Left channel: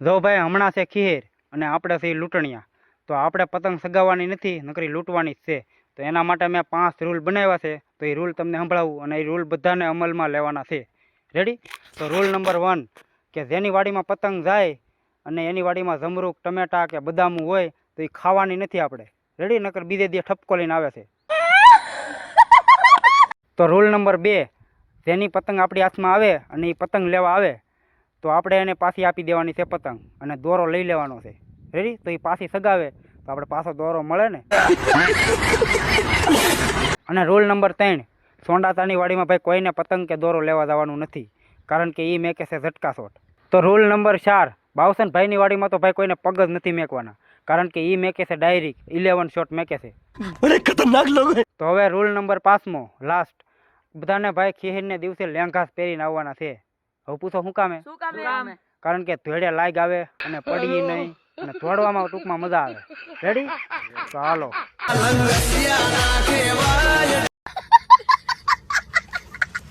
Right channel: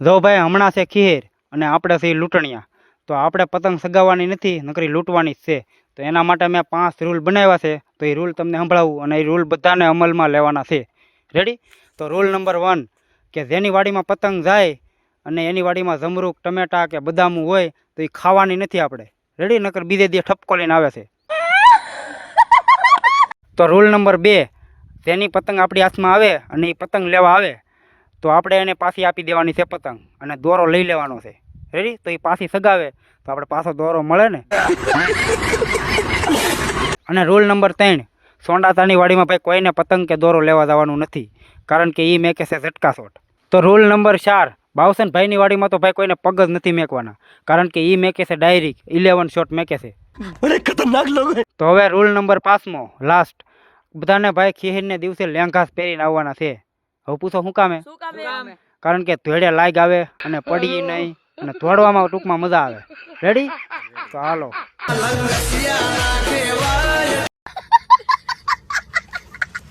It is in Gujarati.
જો ભાઈ હમણાં છે ખીર અને આપણે છે લૂંટણિયા, તો આપણે પતંગ સગાવવાની નથી, નકરી લૂંટવાની જ છે. તો એના માટે મેં 5 રૂલ બનાવ્યા છે, તો એ રૂલ તમને સંભળાવું અને એ રૂલ બધાને અમલમાં લેવાના છે. રેડી? તો રૂલ નંબર 1 કે જેની વાડીમાં પતંગ જાય અને એની વાડીમાં જમરૂક, ટમેટા કે બદામું હોય તો એ ખાવાની નથી આપણે. રેડી? નકર બીજે દી ઠપકો લઈને આવે છે. તો રૂલ નંબર 2 જેની પતંગ આપણી હાથમાં આવે અને એ પતંગ લેવા આવે તો આપણે એને પાછી આપી દેવાની છે પતંગ અને દોરો લઈ લેવાનો છે. રેડી? તો એ પાછી સગાવે તો આપણે પાછો દોરો મળે ને. અને રૂલ નંબર 3 સોંડાતાની વાડીમાં ભાઈ કોઈને પતંગ કે દોરો લેવા જવાનું નથી, કારણ કે એ મેકે છે ઝટકા શોટ. તો રૂલ નંબર 4 બાવસન ભાઈની વાડીમાં તો ભાઈ કોઈને પગ જ નથી મેકવાના, કારણ કે એ મેકે છે ડાયરેક્ટ 11 શોટ મેકે છે. ખતરનાક લોકો. તો હવે રૂલ નંબર 5મો લાસ્ટ, બધાને ભાઈ ખીરને દિવસે લેંઘાસ પહેરીને આવવાના છે. હવે પૂછો શું કામે? કારણ કે ધોળે લાગ આવે અને પડી નહીં અને દોડવામાં ટૂંકમાં મજા આવે. રેડી? તો હાલો.